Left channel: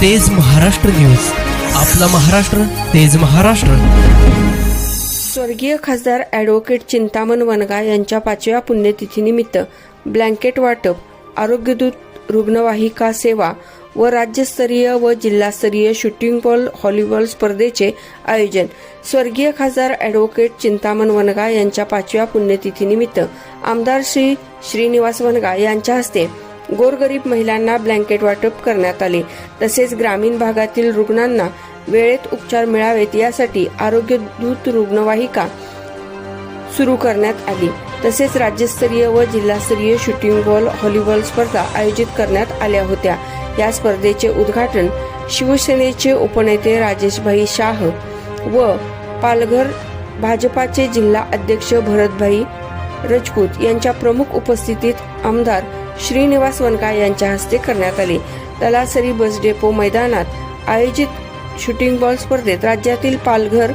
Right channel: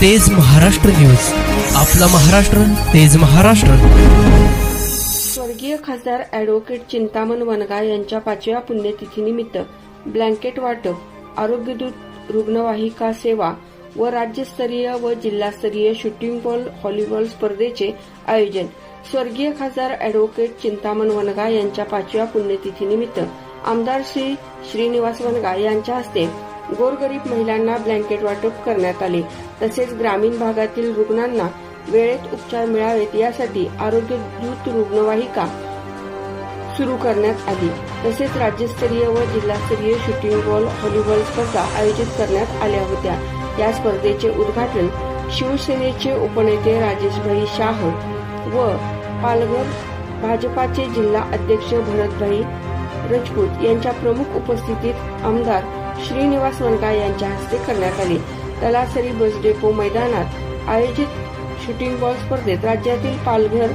तेज महाराष्ट्र न्यूज. आपला महाराष्ट्र तेज महाराष्ट्र. स्वर्गीय खासदार ॲडव्होकेट चिंतामण वनगा यांच्या पाचव्या पुण्यतिथीनिमित्त ब्लँकेट वाटप आरोग्यदूत रुग्णवाहिका सेवा व राज्यस्तरीय व जिल्हास्तरीय शूटिंग बॉल हॉलीबॉल स्पर्धेचे आयोजन. स्वर्गीय खासदार ॲडव्होकेट चिंतामण वनगा यांच्या पाचव्या पुण्यतिथीनिमित्त आमदार श्री श्रीनिवास वनगा यांच्या हस्ते गोरगरीब महिलांना ब्लँकेट वाटप करण्यात आले. तसेच ग्रामीण भागातील रुग्णांना वेळेत उपचार मिळावेत यासाठी आरोग्य दूत रुग्णवाहिका सुरू करण्यात आली. तसेच राज्यस्तरीय व जिल्हास्तरीय शूटिंग बॉल व्हॉलीबॉल स्पर्धा आयोजित करण्यात आल्या होत्या. या स्पर्धेचे उद्घाटन शिवसेनेचे उपनेते राजेशभाई शाह व पालघर भाजपाचे जिल्हा अध्यक्ष भरतभाई रजपूत यांच्या प्रमुख उपस्थितीत आमदार श्रीनिवास वनका यांच्या हस्ते करण्यात आले. तलासरी बस डेपो मैदानात आयोजित शूटिंग बॉल स्पर्धेत राज्यातील पालघर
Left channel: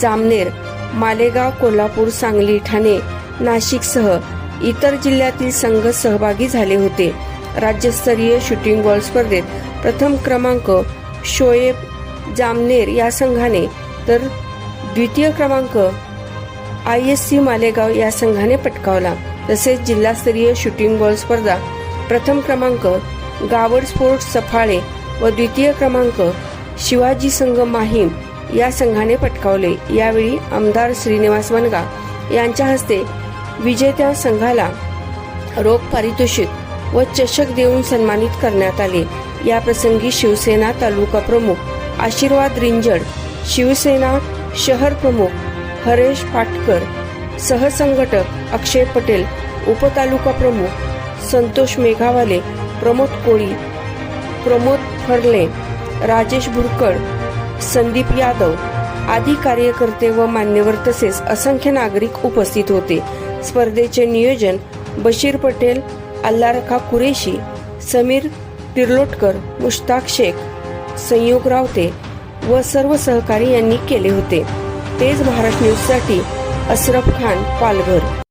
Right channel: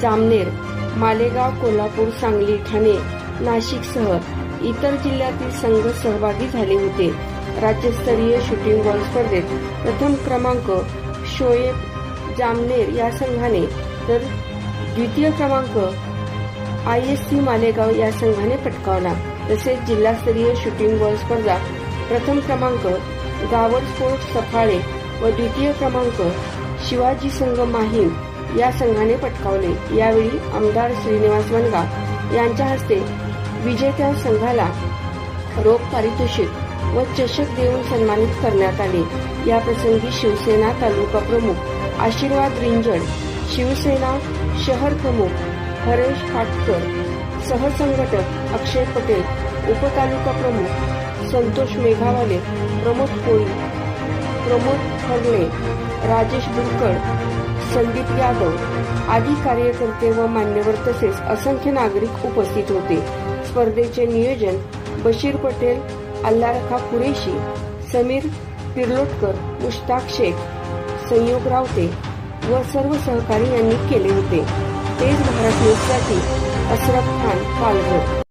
जामनेर मालेगाव कोल्हापूर सांगली ठाणे नाशिकसह इतर जिल्ह्यातील संघ सहभागी झाले होते. राज्यस्तरीय शूटिंग बॉल स्पर्धेत प्रथम क्रमांक शोएब जामनेर या संघाने तर द्वितीय क्रमांक आय एस सी मालेगाव या संघाने पटकावला. तसेच जिल्हास्तरीय शूटिंग बॉल स्पर्धा प्रथम क्रमांक गावड स्पोर्ट्स सफाळे व द्वितीय क्रमांक शिवाजी संघ माहीम या संघाने पटकावले. यावेळी आमदार श्रीनिवास वनगा यांच्या हस्ते विजेत्या संघाला रोख पारितोषिक व चषक देऊन सन्मानित करण्यात आले. या प्रसंगी शिवसेना तालुका प्रमुख आशीर्वाद रिंजड शिवसेना शहर प्रमुख हरेश फाटकर सहसंघटक अक्षय पटेल उपतालुका प्रमुख संतोष मेघावाले प्रमोद कोळी प्रमोद फरले राजेश भुरकड संदीप यादव आदी कार्यकर्ते व मान्यवर तसेच असंख्य नागरिक उपस्थित होते. स्पर्धेचे नियोजन बशीर पटेल अल्लारखा कुरेशी समीर तिर्लोटकर मुश्ताक शेख संयोग रावते व सर्व सहकारी यांनी केले होते. तेज भारत न्यूजसाठी अशरफ खान पालघर.